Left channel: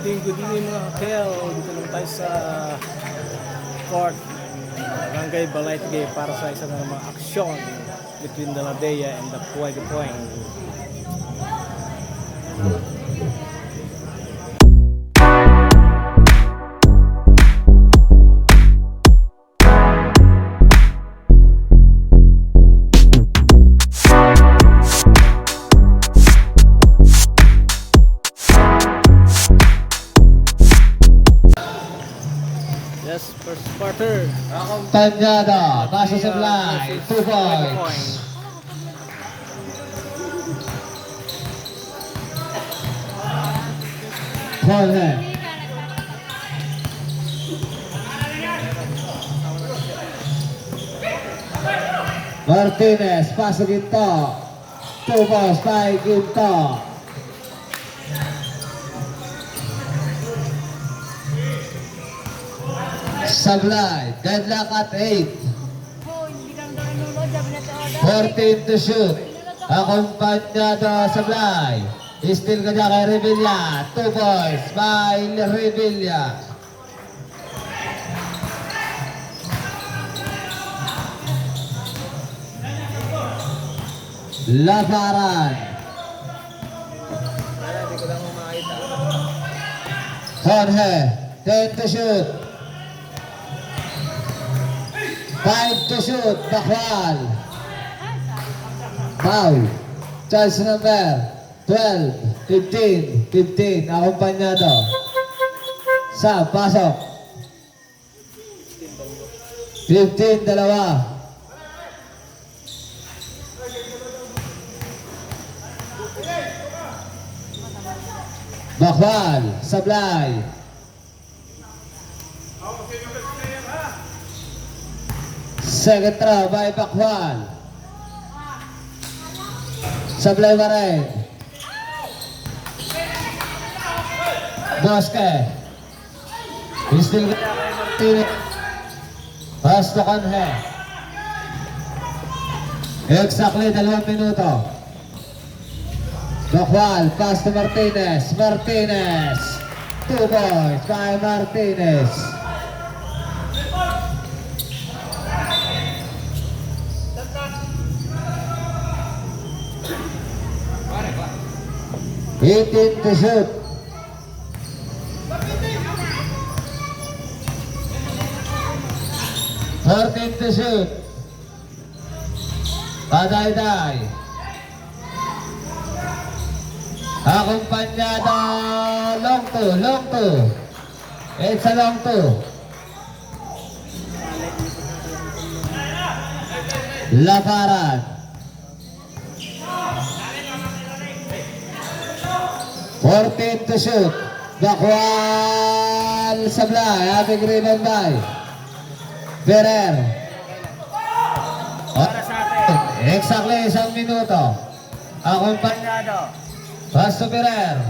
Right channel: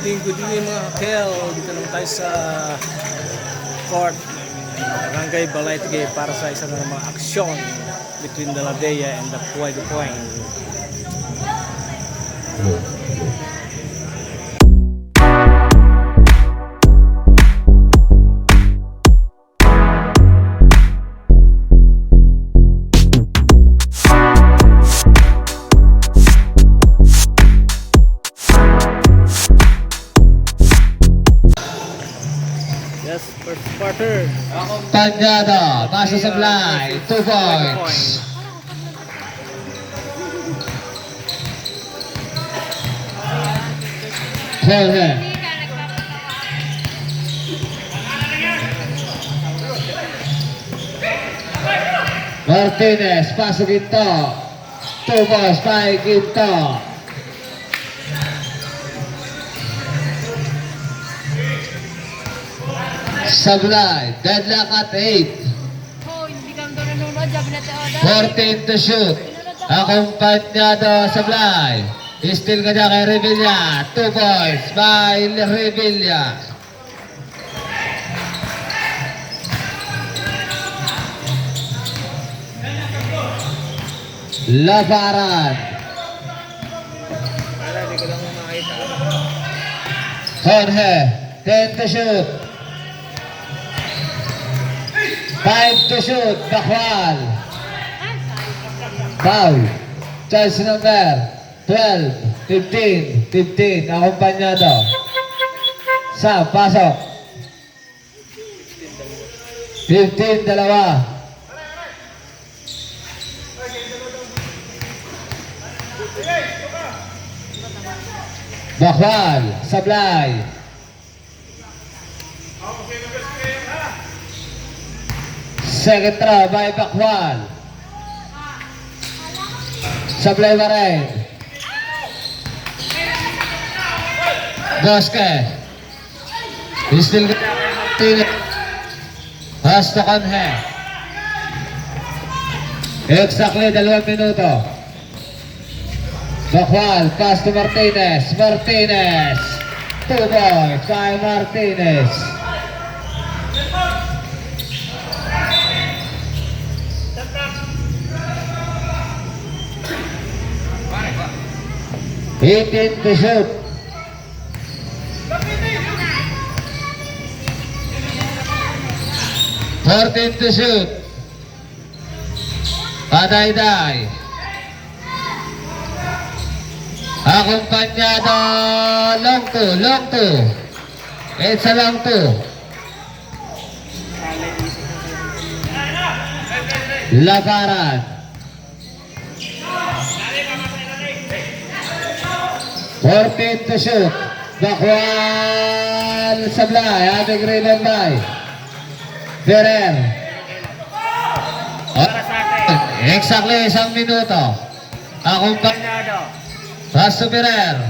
Good evening mga kakel. Dito naman tayo sa court Barangay Balay-Tigay para sa isa na namang aksyon between the Ladea and the Puay Dupuay. Yes, first quarter. Tanyada, Basa Sablay, 2 points. Jorge. Martinez, Paso Ginto. 2 points by Ginto. Sablay, deadlock at 8. Oh, hindi kami doon nanonood. Sabi natin, oh, 14 to shoot. Akompanyado Sablay. Still ka dyan kay Revilla. 2 points by Revilla. Labaran. Jorge, 10 to shoot. 5 to shoot, Bakwal. Foul. Choice number 12, 15, akompanyado. Sa, pasok. 15, dalawa. Bakwal, Sablay. Second throw by Bakwal. Sablay pa rin. Bosque. Still pass to Conhe. Exactly 2 minuto. Bakwal, pass to Martinez. Martinez. 2 points by Martinez. Eighteen to shoot. Thirteen to shoot. Paday-day. Akompanyado long two. It's a long two. Labaran. 14 to shoot. Bakwal Sablay. Having rebound by Ferrer. Exactly 1 minuto. Akompanyado. Pass to Ferrer.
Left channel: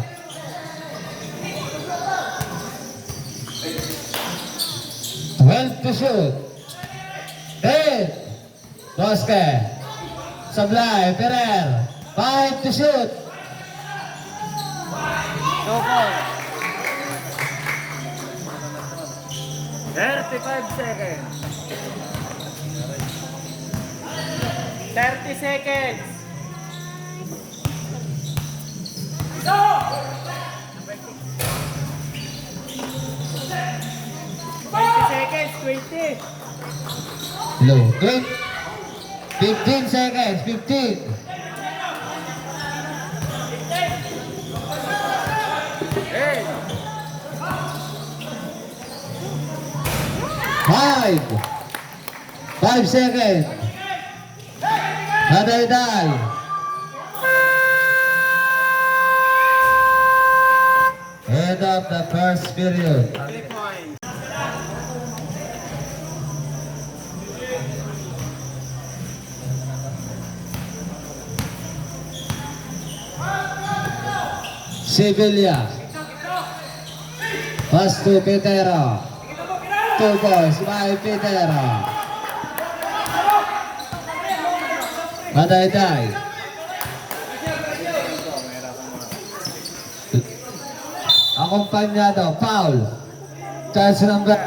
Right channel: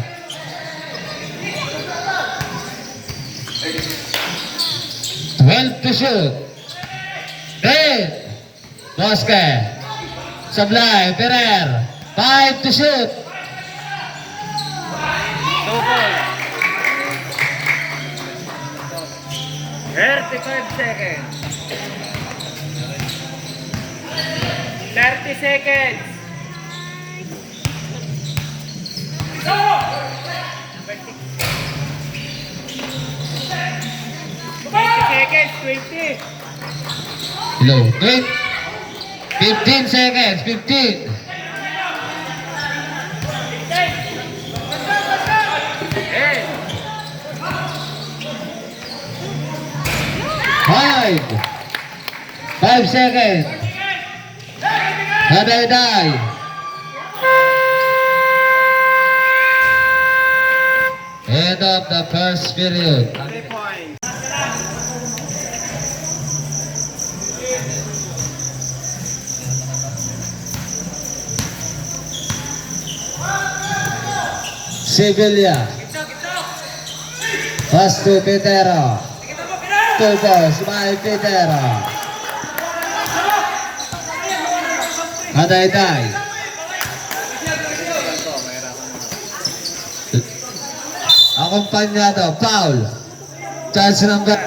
12 to shoot. 8. Bosque. Sablay. Ferrer. 5 to shoot. 35 seconds. 30 seconds. 20. Low. 15 seconds. 15. 5 seconds. Haday-day. End of the first period. Sevilla. Pass to Petero. 2 balls by Petero. Haday-day. Akompanyado, foul. Charge number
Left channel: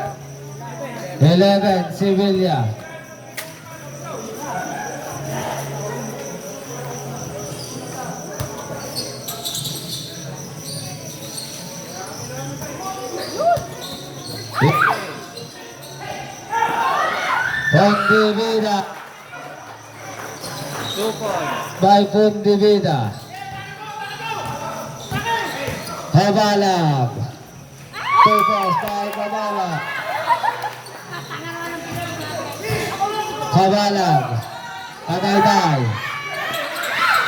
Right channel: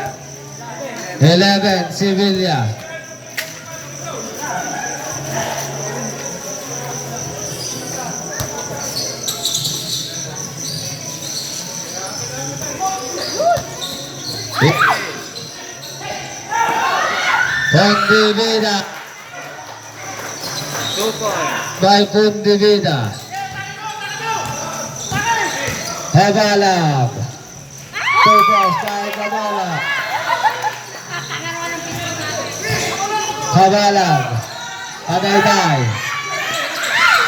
11, Sevilla. Pondivida. 2 points. By Pondivida. Habalag. 2 points by Habalag. Habalag. Kadayday.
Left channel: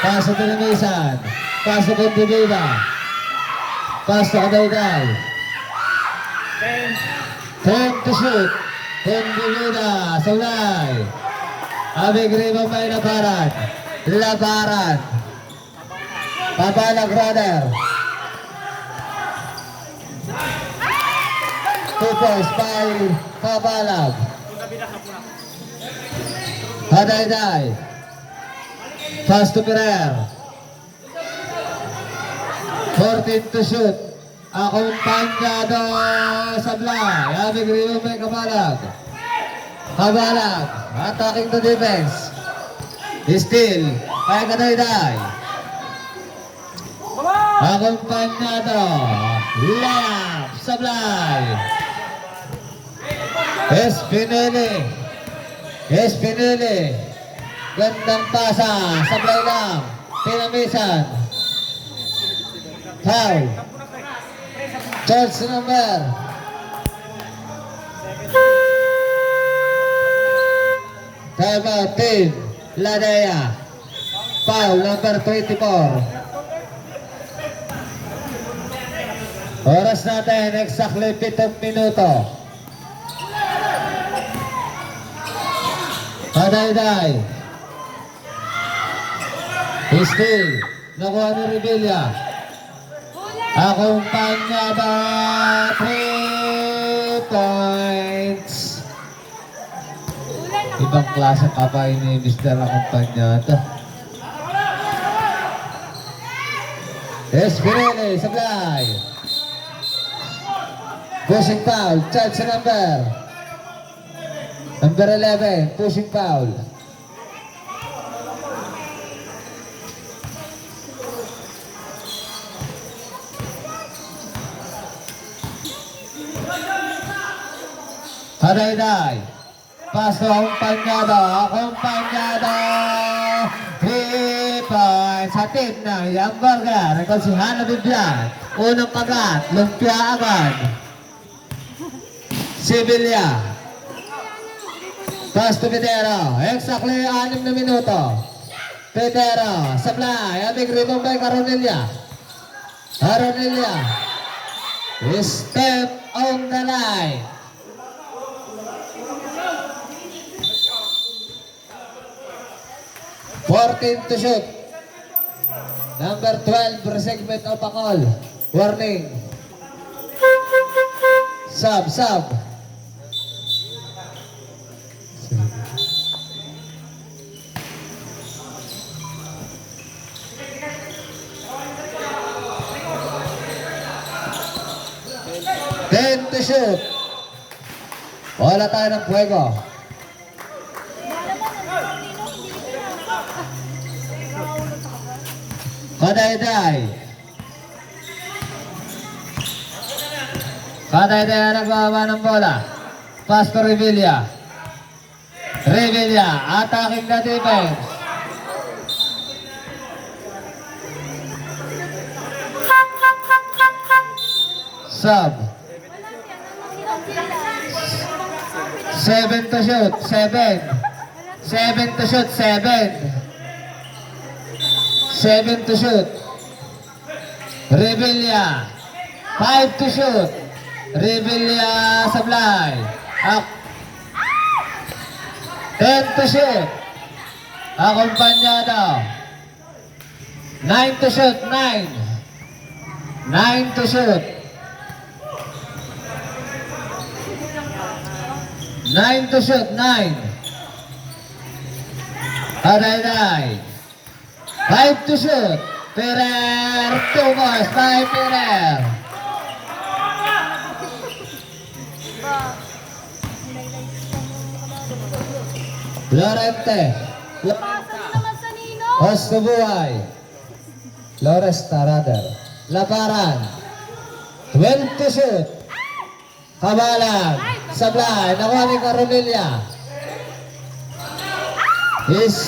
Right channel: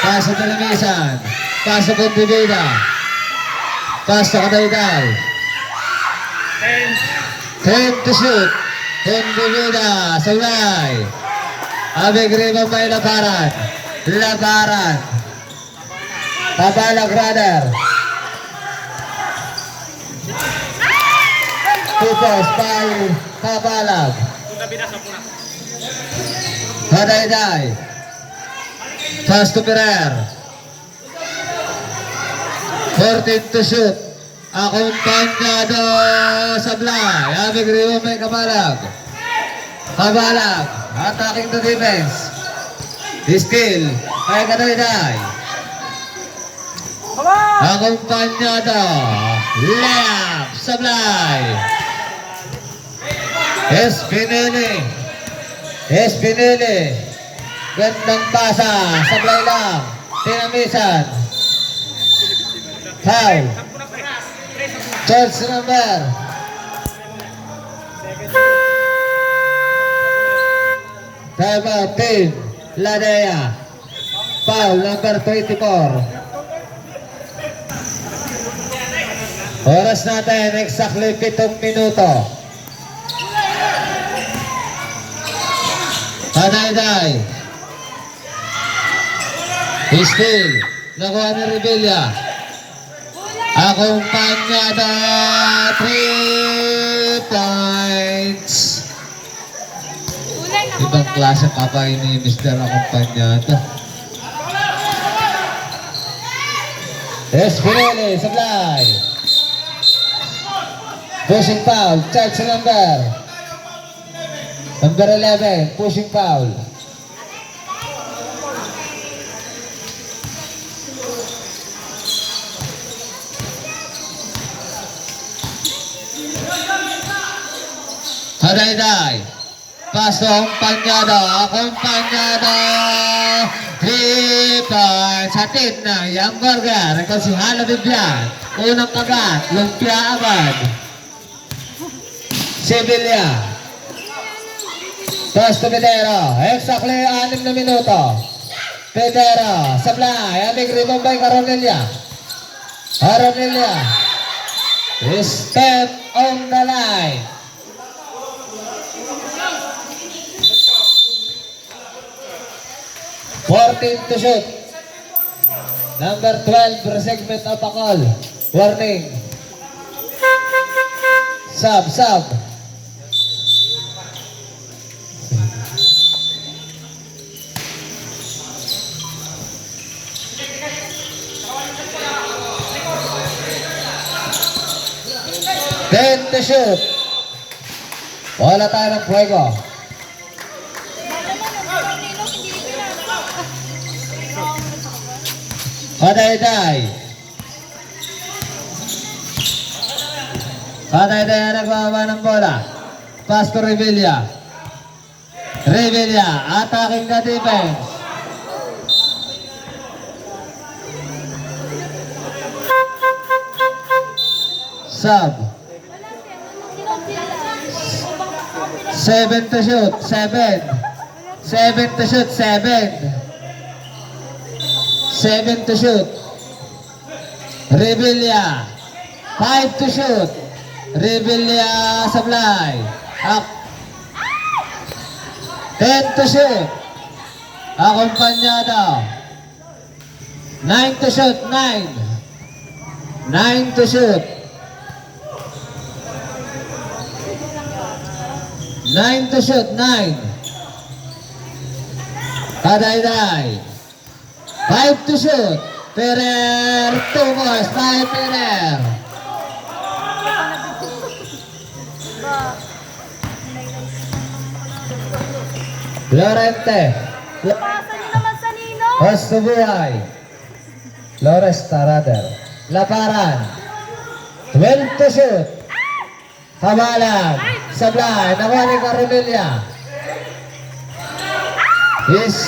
Paso Telemisan. Paso Pondivida. Paso Kadayday. 10 to shoot. Pondivida. Saulay. Abig Riba may labaran. Labaran. Habalag brother. 2 points by Habalag. Hadayday. Pass to Pereira. 14 to shoot. Akompanyado Sablay. Abig Riba may Kabalag. Habalag. Attacking to defense. Steal. Kay Hadayday. Akompanyado. Layup. Sablay. Espinili. Gandang pasa. Sablay lang. Tinamisan. Foul. Charge number 17. Ladea. Foul number 24. Oras natin exactly 7 minuto. Hadayday. Steal. Nakuha ni Rebilla. Akompanyado 3 points. Ibang klase ka pa ini Mr. Akompanyado. Espineli, Sablay. Pushing foul, charge number 11, pushing foul. Hadayday. Paso Akompanyado. 3 points. Hatid ng Young Burger. Ikaw si Hana Bibian. Unang pagat. Lumpia agad. Sevilla. Pass to Pedero. Exactly 6 na minuto. Pedero. Sablay. Aming rebound by Caronelia. Step on the line. $14 to shoot. Number 12, segment of a call. Warning. Sub. 10 to shoot. Wala tayo ng fuego. Hadayday ang nagbababa ng bola. Pass to Rebilla. Attacking the defense. Sub. 7 to shoot. 7 to shoot. Rebilla. 5 to shoot. Rebilla Sablay. Up. 10 to shoot. Akompanyado. 9 to shoot. 9 to shoot. 9 to shoot. 9. Hadayday. 5 to shoot. Pereira. 2 balls by Pereira. Lorente. Pasa niyo naman sa Nino. Ostubuhay. Loresta rather. Laparan. 12 to shoot. Kabalang. Sablay. Nakuha ni Caronilla. Is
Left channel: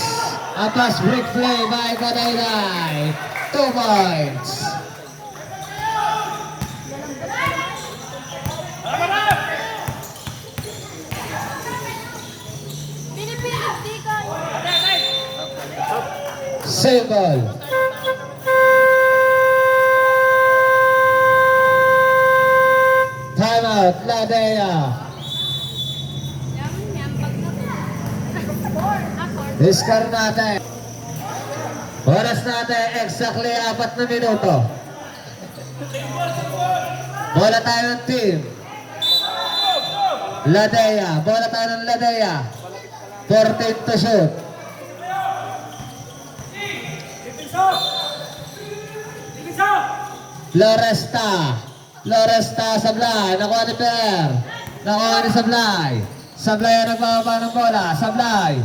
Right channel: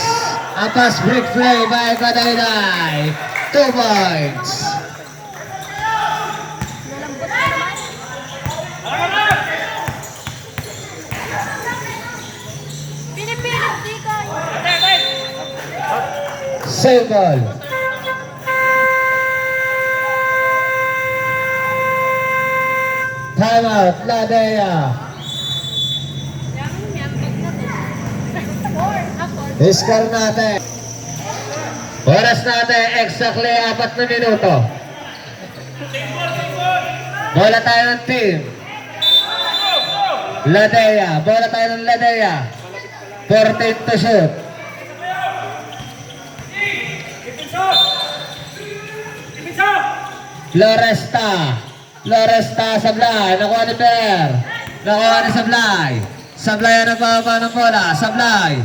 a pass break play by Kadaynay. 2 points. Pinipilit di ka. Save ball. Timeout. Ladea. Iskar natin. Oras natin exactly 4 na minuto. Bola tayo ng team. Ladea. Bola tayo ng Ladea. 14 to shoot. Loresta. Loresta Sablay. Nakuha ni Per. Nakuha ni Sablay. Sablay ang nagbababa ng bola. Sablay.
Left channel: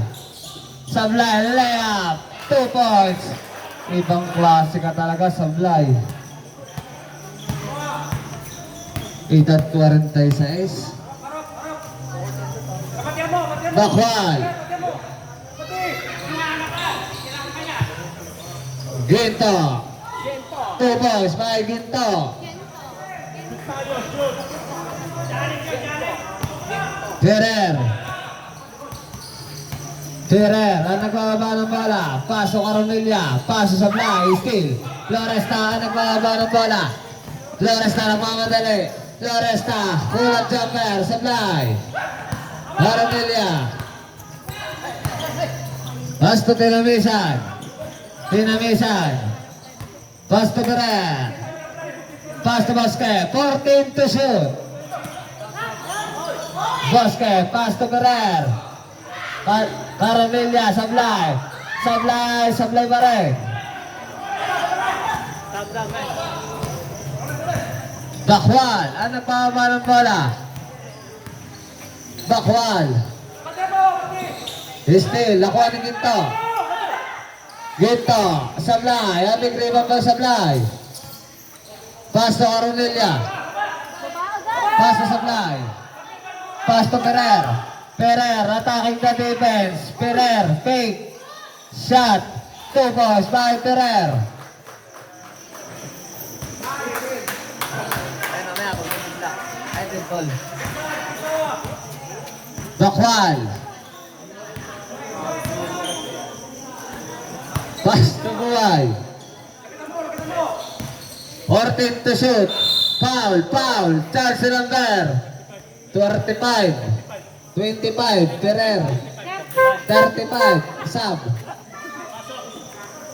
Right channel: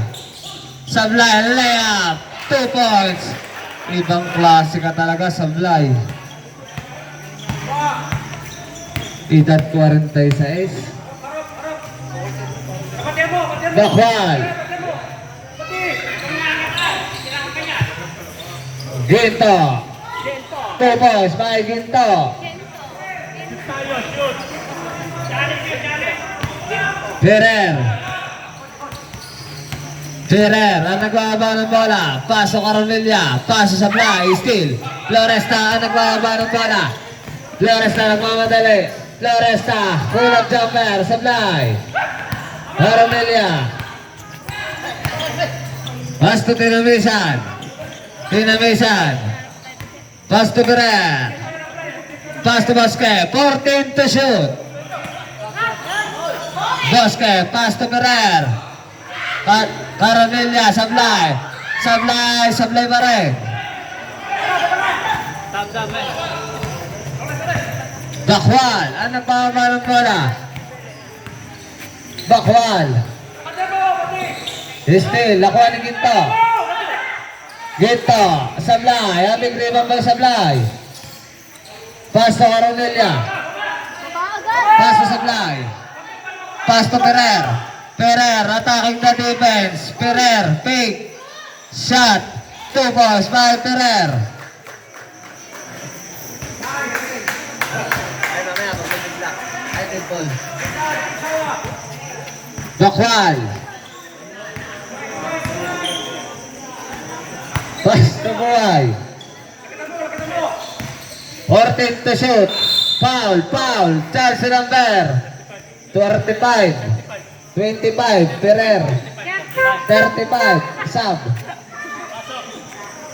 Sablay. Layup. 2 points. Ibang klase ka talaga, Sablay. Edad 46. Bakwal. Ginto. 2 points by Ginto. Ferrer. Ferrer ang nagbababa ng bola. Paso Caronilla. Paso Sablay. Steal. Floresta ang nagbababa ng bola. Floresta nagmamadali. Floresta. Pull-up jumper. Sablay. Caronilla. Pass to Tinamisan. Tinamisan. Pass to Ferrer. Pass to Bosque. 14 to shoot. Bosque. Pass to Ferrer. Caronilla. Sablay. Sablay. Sablay pa rin. Bakwal. Ang nagpapaba ng bola. Bakwal. Still. Nakuha ni Ginto. Ginto. Sablay. Aming rebound by Sablay. Pass to Caronilla. Pass to Sablay. Pass to Ferrer. Ferrer attacking the defense. Ferrer fake. Shot. 2 points by Ferrer. Bakwal. Pass to Buhay. 14 to shoot. Foul. Foul. Chance number 35. 25. Ferrer. 35. Sub.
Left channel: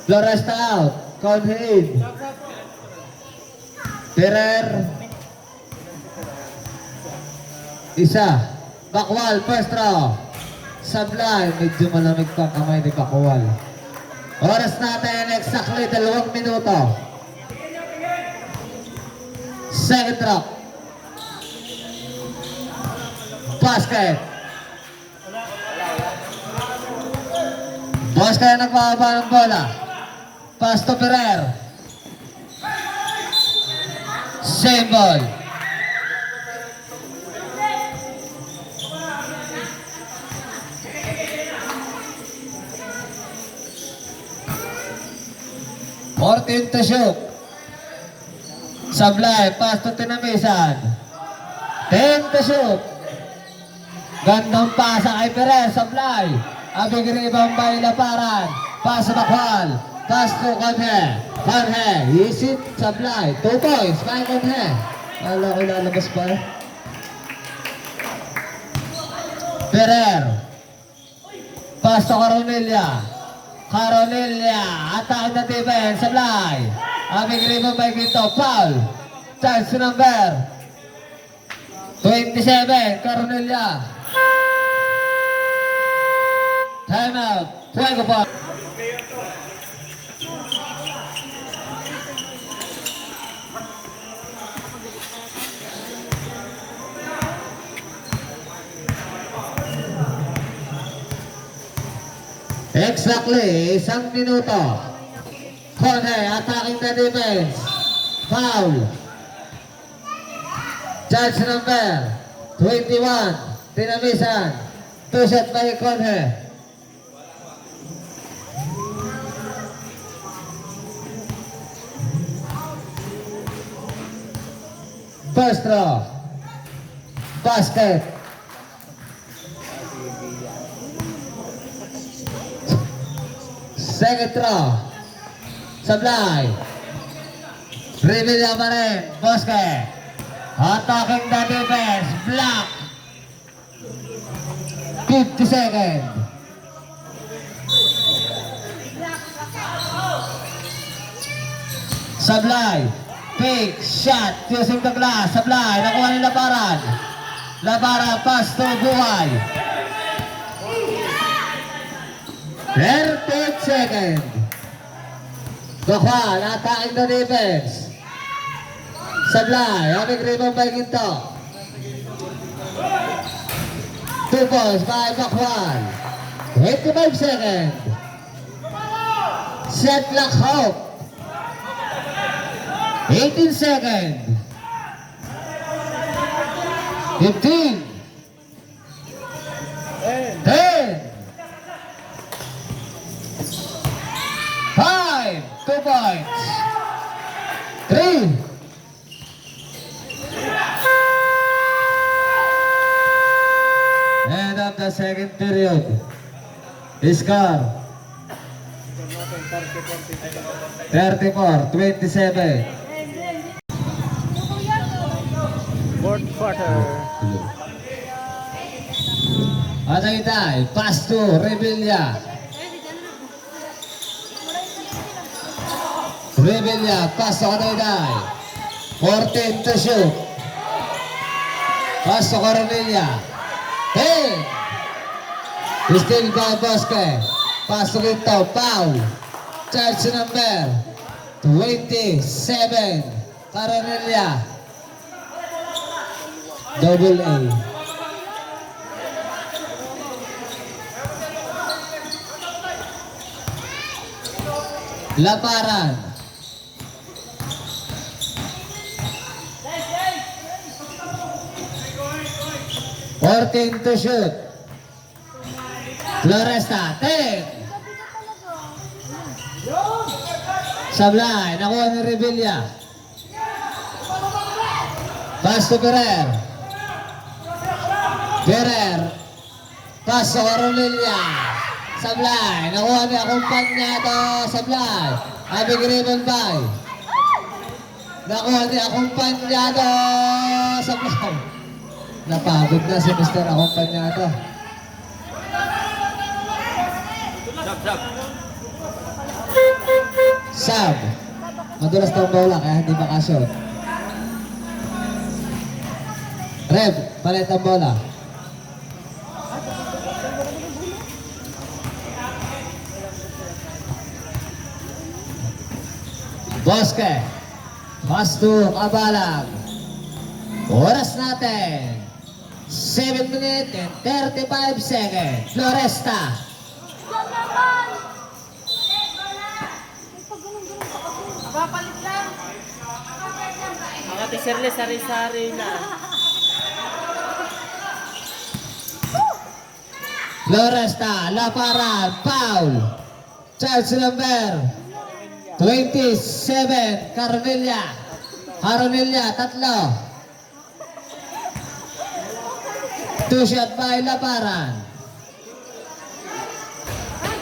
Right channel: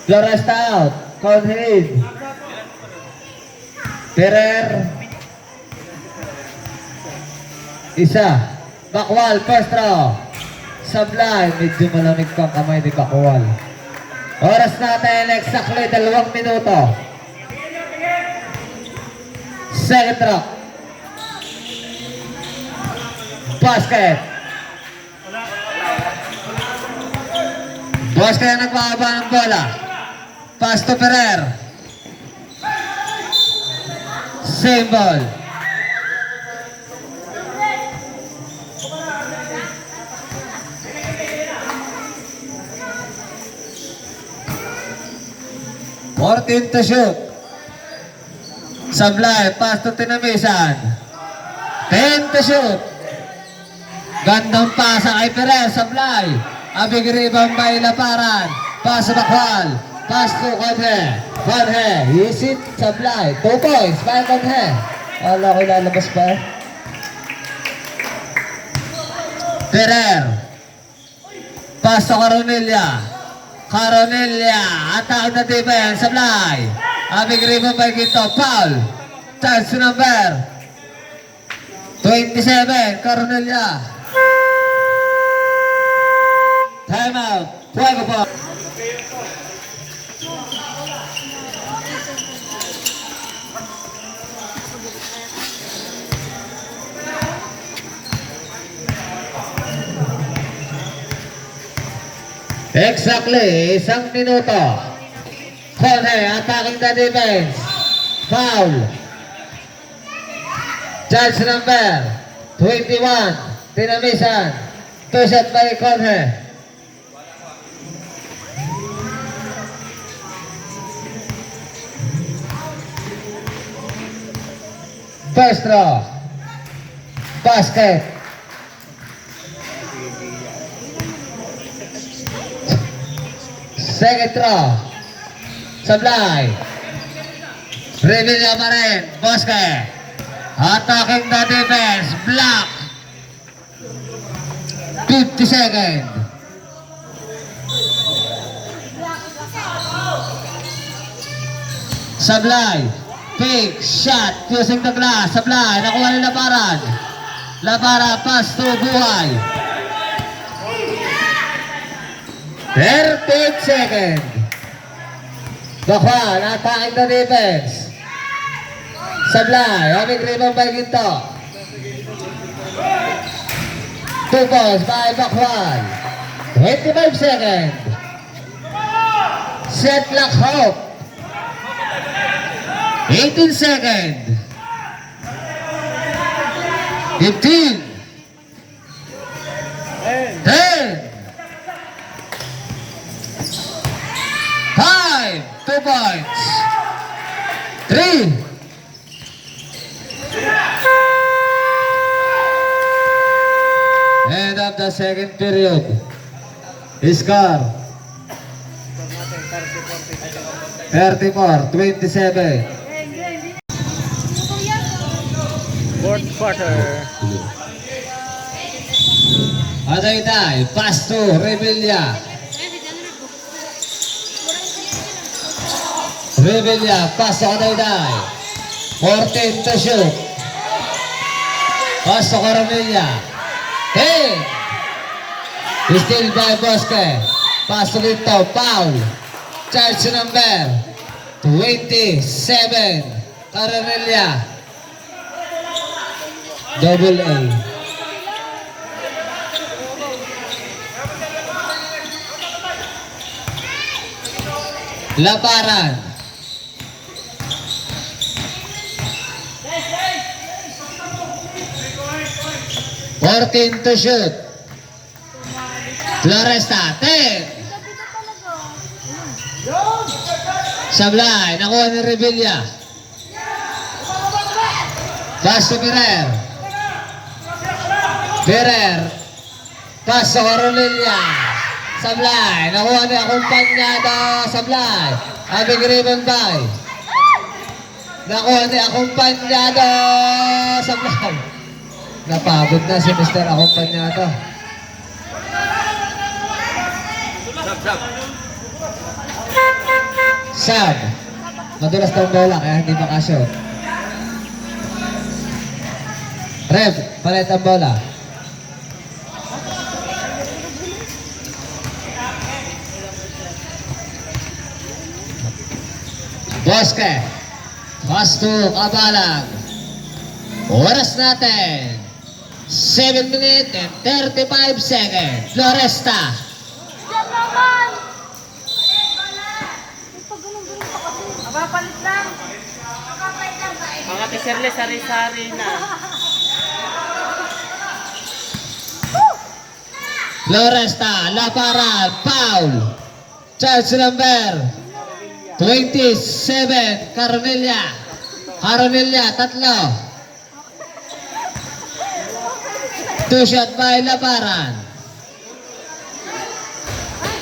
Floresta out. Conhead. Ferrer. Isa. Bakwal. First row. Sablay. Medyo malamig pa ang kamay ni Bakwal. Oras natin exactly 2 minuto. Second row. Basket. Bosque ang nagbababa ng bola. Pass to Ferrer. Same ball. Fourteen to shoot. Sablay. Pass to Tinamisan. 10 to shoot. Gandang pasa kay Ferrer. Sablay. Abig rebound by Laparan. Pass to Bakwal. Pass to Conhe. Conhe. Isit. Sablay. 2 points by Conhe. Wala ko ilalabas pa. Ferrer. Pass to Caronilla. Caronilla. Attack na defense. Sablay. Abig rebound by Ginto. Foul. Chance number 27. Caronilla. Time out. Fuego po. Exactly, 1 minuto. Jorge attacking the defense. Foul. Charge number 21. Tinamisan. 2 shot by Jorge. First draw. Basket. Second draw. Sablay. Revilla pa rin. Basket. Attacking the defense. Block. 50 seconds. Sablay. Big shot using the glass. Sablay. Nakuha ni Labaran. Labaran pass to Buhay. 38 seconds. Bakwan attacking the defense. Sablay. Having rebound by Ginto. 2 points by Bakwan. 25 seconds. Set lock Hope. 18 seconds. 15. 10. 5. 2 points. 3. End of the second period. Score 34-27. Fourth quarter. Agaytay, pass to Revilla. Revilla, pass to Agaytay. 14 to shoot. Pass to Coronilla. 10. Still by Bosque. Pass to Ginto, foul. Charge number 27. Coronilla. Double A. Labaran. Fourteen to shoot. Floresta, 10. Sablay, nakuha ni Revilla. Pass to Ferrer. Ferrer. Pass to Coronilla. Sablay, nakuha ni Akumpanyado. Sablay. Abing rebound by. Nakuha ni Akumpanyado. Sablay. Napagod na si Mr. Akumpanyado. Sab. Madulas tong bola kaya hindi makashoot. Rev, palit ang bola. Bosque. Pass to Kabalag. Oras natin. 7 minutes and 35 seconds. Floresta. Diyan naman! May pag ganun-ganun pa kasi. Mapapalit lang. Mga tiserle sari-sari na. Floresta. Laparan. Foul. Charge number 27. Coronilla. Coronilla. 3. 2 shot by Laparan.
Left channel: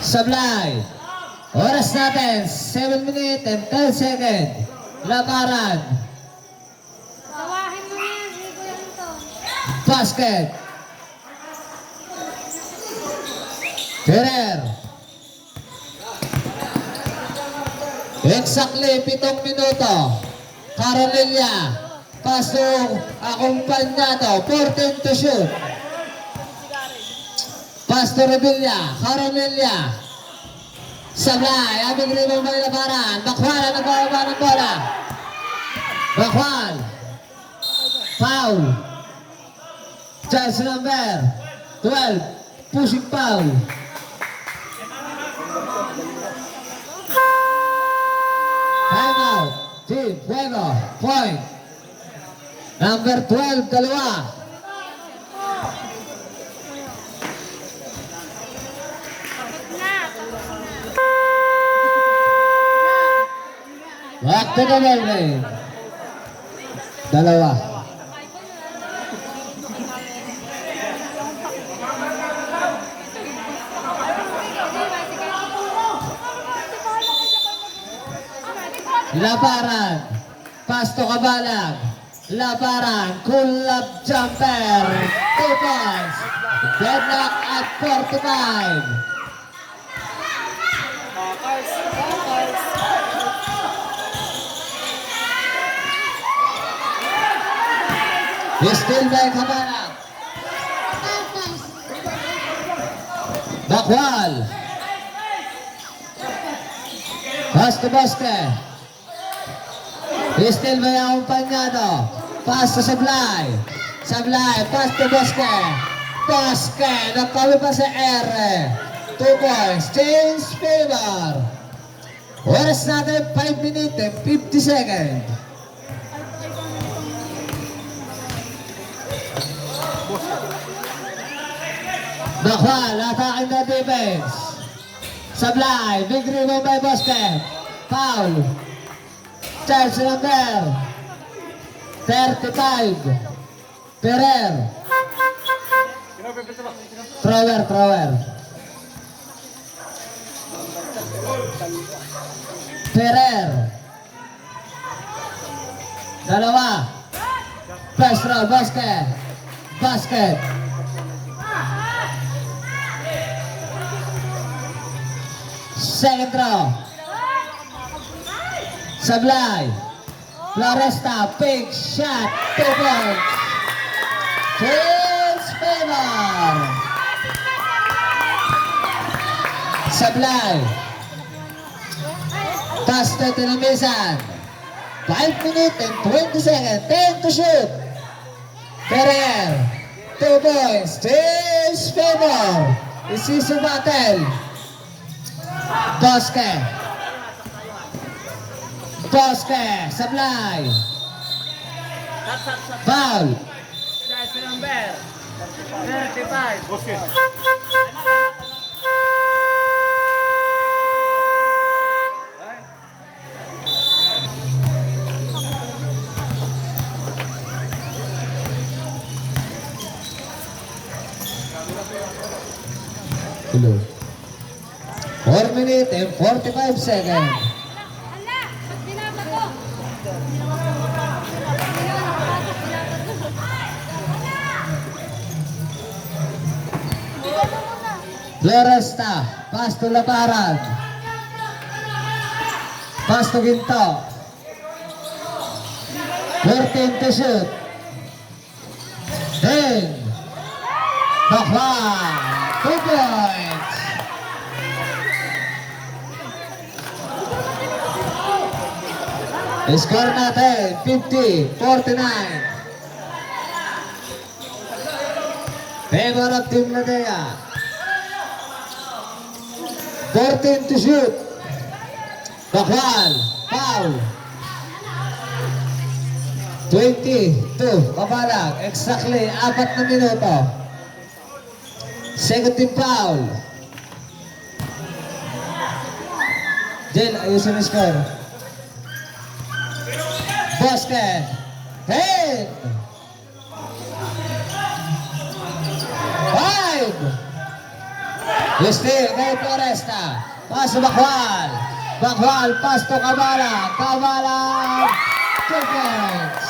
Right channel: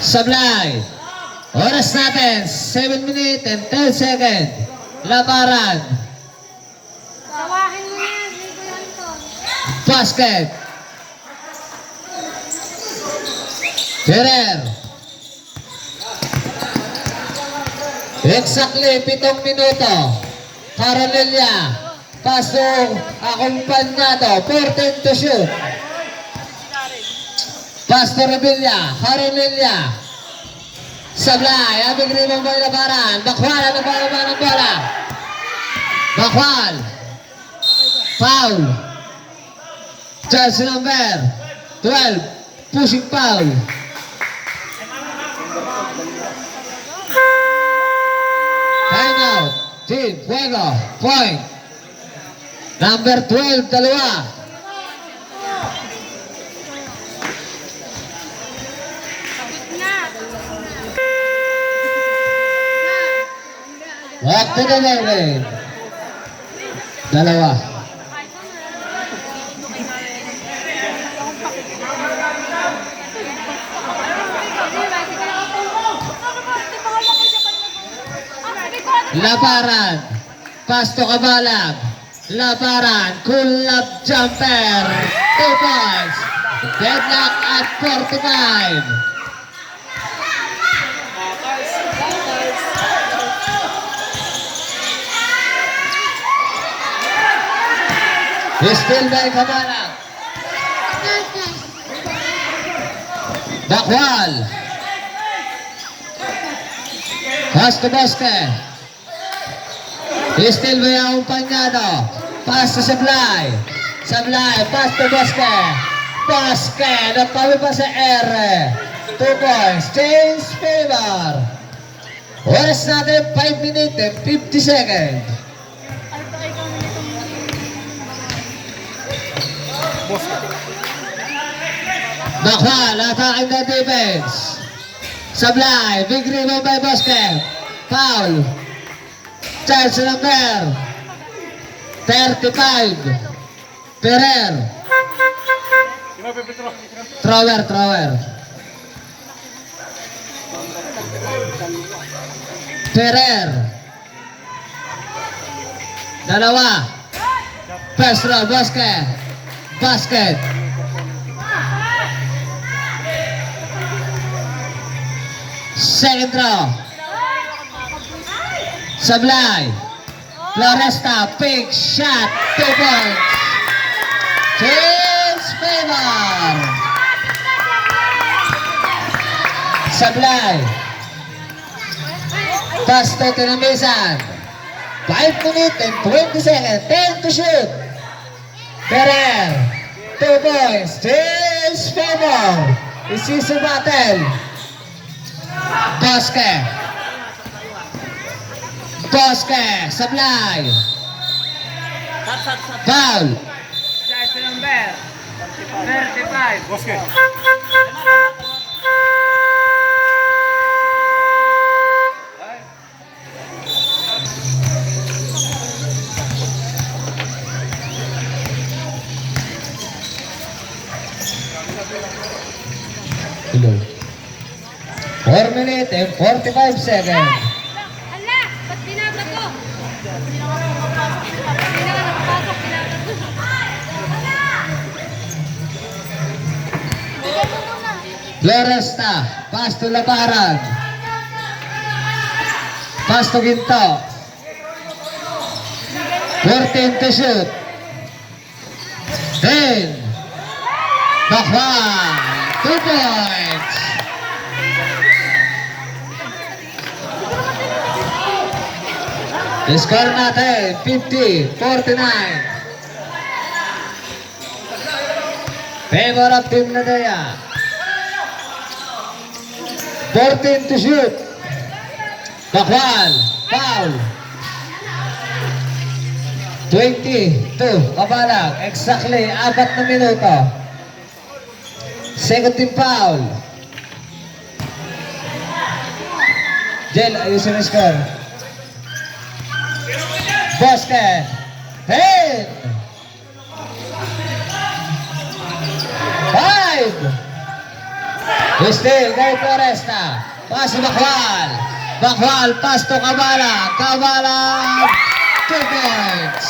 Sablay. Oras natin, 7 minutes and 10 seconds. Laparan. Sawahin mo yan, Rico Anton. Basket. Ferrer. Exactly 7 minuto. Coronilla. Pasok. Akumpanyado. 14 to shoot. Pass to Revilla. Coronilla. Sablay. Abing rebound by Labaran. Bakwal. Ano pa ng bola? Bakwal. Foul. Charge number 12. Pushing foul. timeout. Team Fuego, point. Number 12, dalawa. Back to the line. Dalawa. Labaran. Pasto Kabalag. Labaran. Kulab jumper. 2 points. Deadlock at 45. Still by Kabalag. Bakwal. Pass to Bosque. Still by Acompañado. Pass to Sablay. Sablay. Pass to Bosque. Bosque. Napawi pa sa R. 2 points. Change favor. Oras natin 5 minutes and 50 seconds. Bakwal, attacking the defense. Sablay, big rebound by Bosque. Foul. Charge number 35. Ferrer. Thrower. Ferrer. Dalawa. Pass throw, Bosque. Basket. Second throw. Sablay. Floresta. Big shot. 2 points. Change favor. Sablay. Pass to Tinamisan. 5 minutes and 20 seconds. 10 to shoot. Ferrer. 2 points. Change favor. This is a battle. Bosque. Sablay. Foul. Charge number 35. Hello. 4 minutes and 45 seconds. Hala, ba't binaba ko? Floresta. Pass to Labaran. Pass to Ginto. 14 to shoot. 10. Bakwal. 2 points. Score natin 50-49. Favor of Team Ladea. 14 to shoot. Bakwal. Foul. 22. Kabalag. Exactly 4 na minuto. Second team foul. Jel, ayusin ang score. Bosque. Hey! 5. Still, kay Floresta. Pass to Bakwal. Bakwal, pass to Kabalag. Kabalag. 2 points.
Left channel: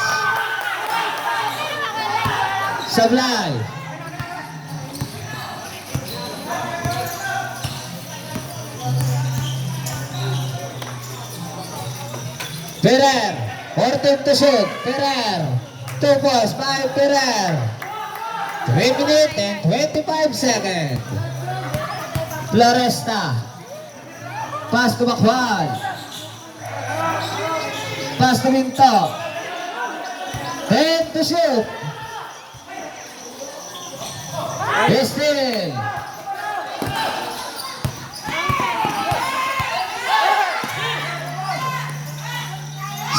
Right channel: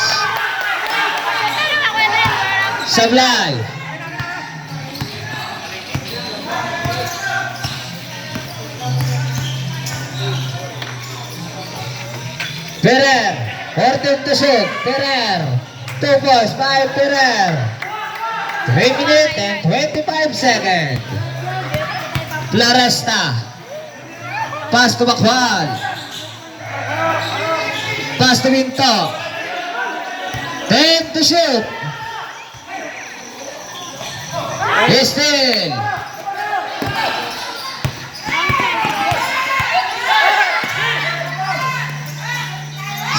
Sablay. Ferrer. 14 to shoot. Ferrer. 2 points. 5 Ferrer. 3 minutes and 25 seconds. Floresta. Pass to Bakwal. Pass to Ginto. 10 to shoot. Still.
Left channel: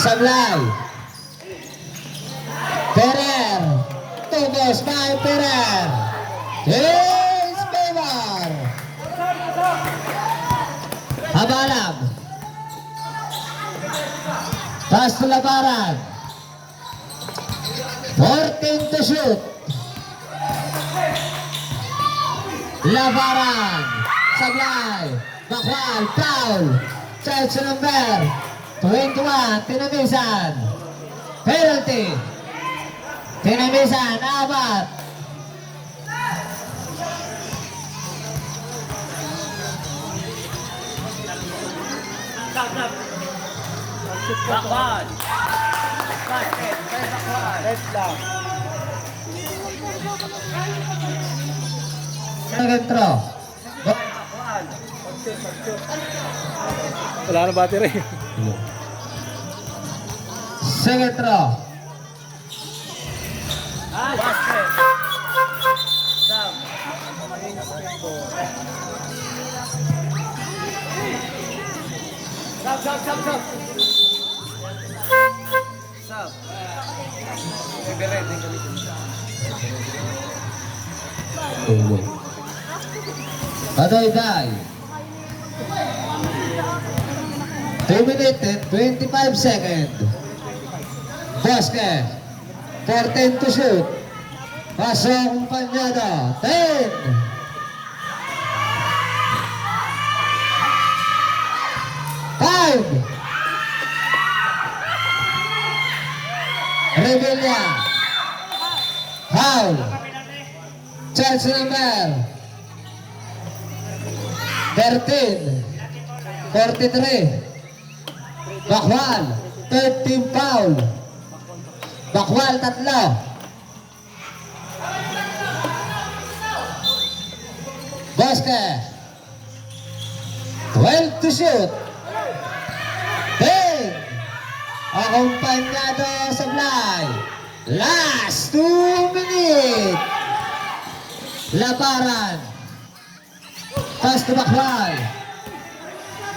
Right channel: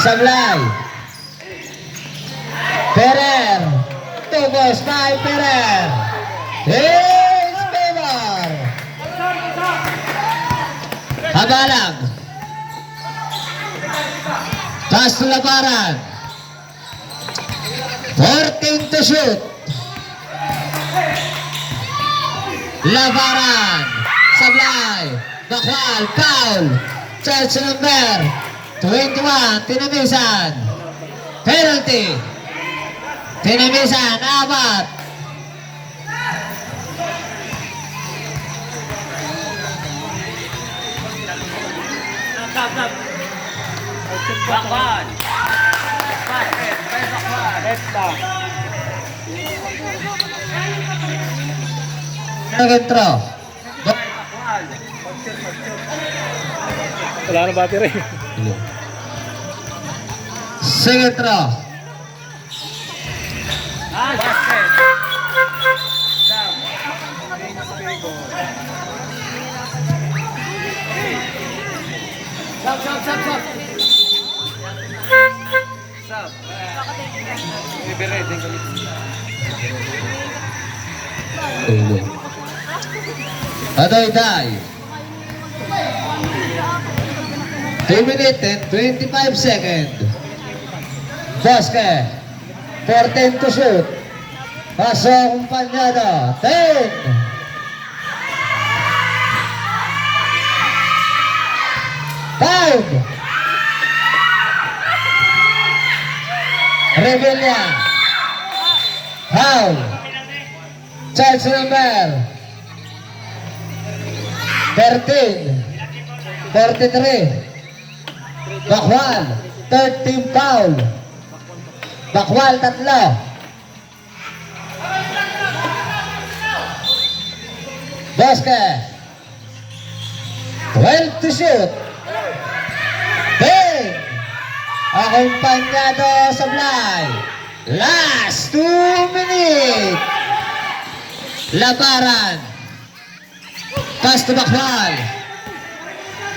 Sablay. Perer. Tugos by Perer. His favor. Habalag. Taas na labaran. 14 to shoot. Labaran. Sablay. Bakwal. Foul. Charge number 21. Tinamisan. Penalty. Tinamisan. Abat. Bakwan. Second throw. Wala na battery. Second throw. Basket. Sam. Sam. May beret din kami. Ulo. Adoy-day. 2 minutes and 25 seconds. Basket. 14 to shoot. Paso akumpanyado. 10. Five. Rebella. Foul. Charge number 13. 43. Bakwal. Third team foul. Bakwal, tatlo. Basket. 12 to shoot. Bang! Akumpanyado Sablay. Last 2 minutes. Labaran. Pass to Bakwal.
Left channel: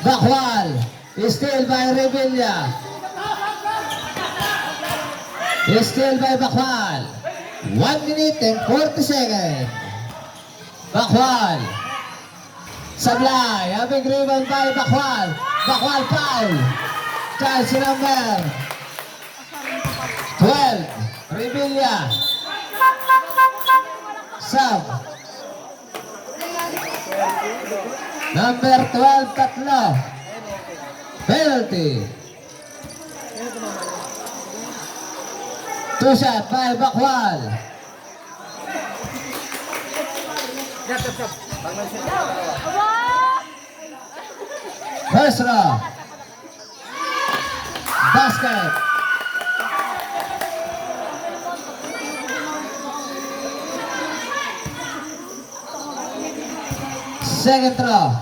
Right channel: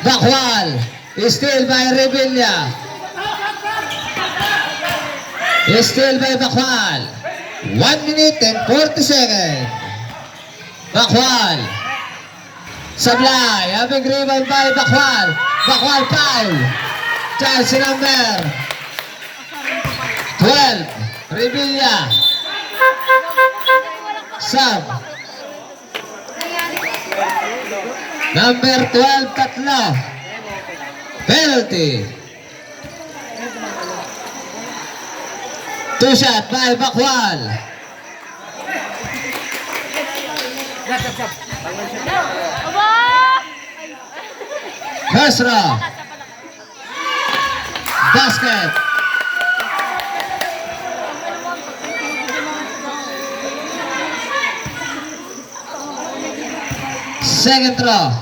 Bakwal. Still by Rebella. Still by Bakwal. 1 minute and 40 seconds. Bakwal. Sablay. Having rebound by Bakwal. Bakwal foul. Chance number 12. Rebella. Sub. Number 12, tatlo. Penalty. 2 shot by Bakwal. First row. Basket. Second throw.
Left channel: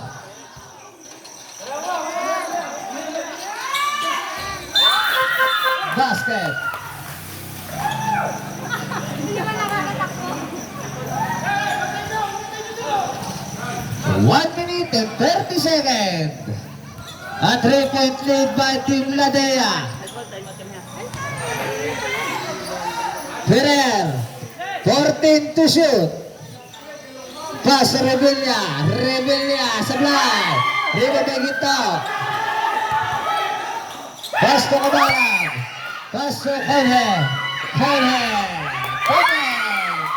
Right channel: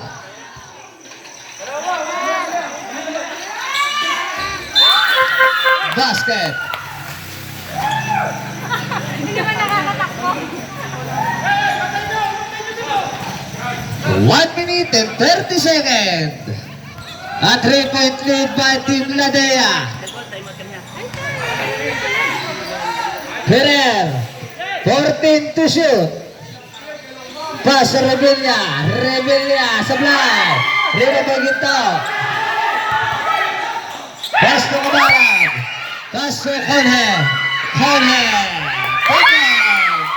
Basket. Hindi naman nakakatakbo. 1 minute and 30 seconds. A 3-point lead by Team Ladea. Ferrer. 14 to shoot. Pass Rebella. Rebella. Sablay. Rebella ito. Pass to Kabalag. Pass to Conhe. Conhe. Points.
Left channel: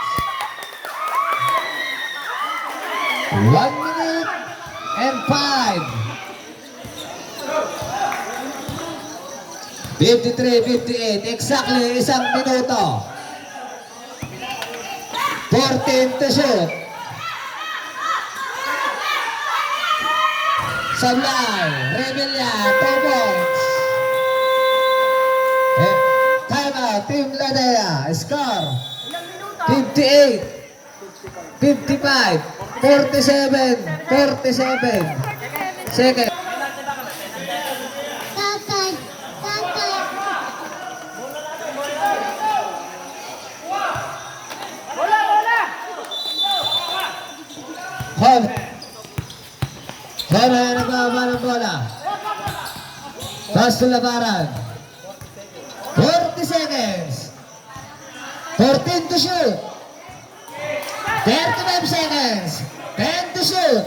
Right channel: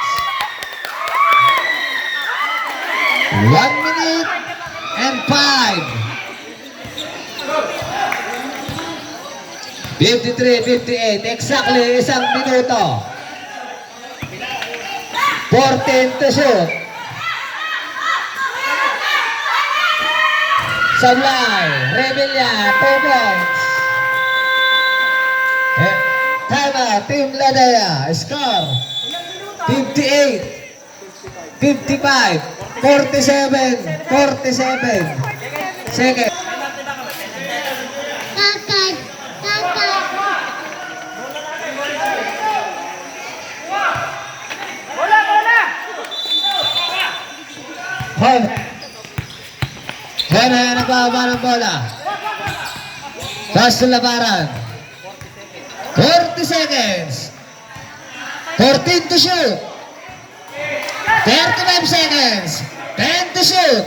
1 minute and 5. 53-58. Exactly isang minuto. 14 to shoot. Sablay. Rebella. 2 points. Time out. Team Ladea. Score. 58. 55. 47. 47. Second. Tatay. Tatay. Home. Home, nagbaba ng bola. Pass to labaran. 40 seconds. 14 to shoot. 35 seconds. 10 to shoot.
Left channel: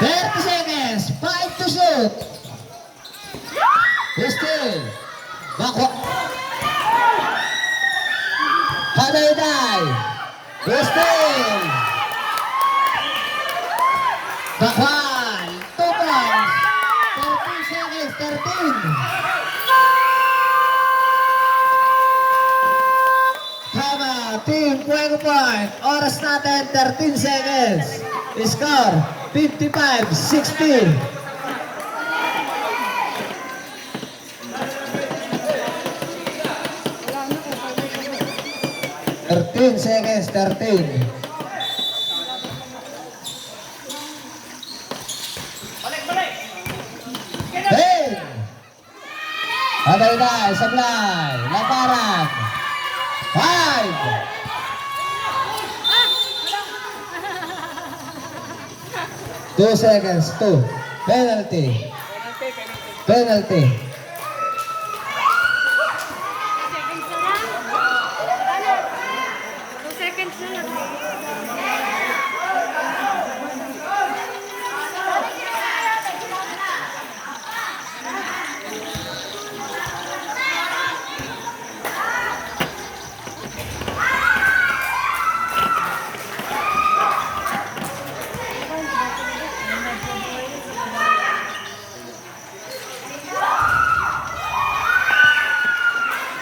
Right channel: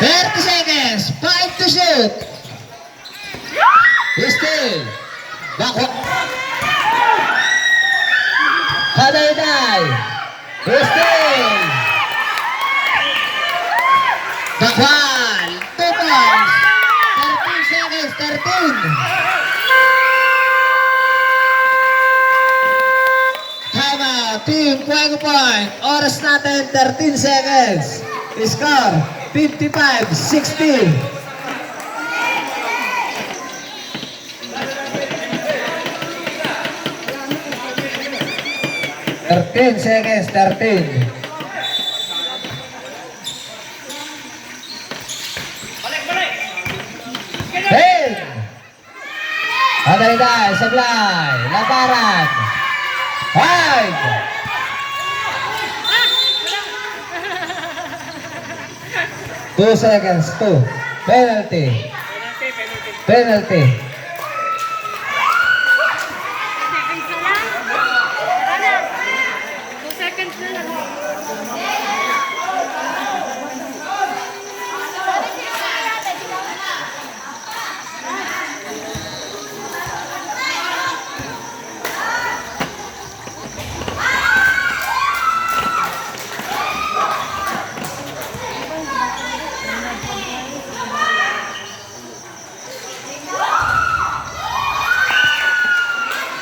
30 seconds. 5 to shoot. Still. Bako. Halayday. Still. Bakwal. 2 points. 13 seconds. 13. Tama. Team Fuego Point. Oras natin 13 seconds. Score 55-16. 13 seconds, 13. Ten. Halayday, sablay, labaran. 5. Two seconds, 2. Penalty. Penalty. Seconds na lang.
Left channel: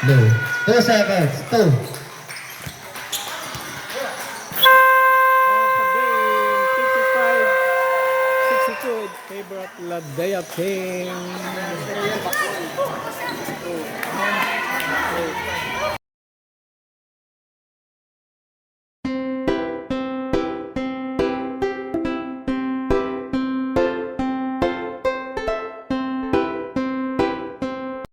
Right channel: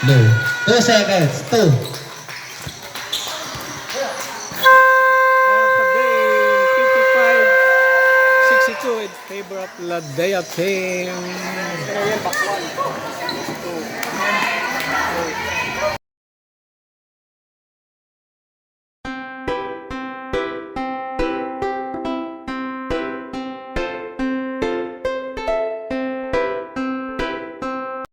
Low. 2 seconds, 2. End of the game, 55-62 in favor of Ladea team.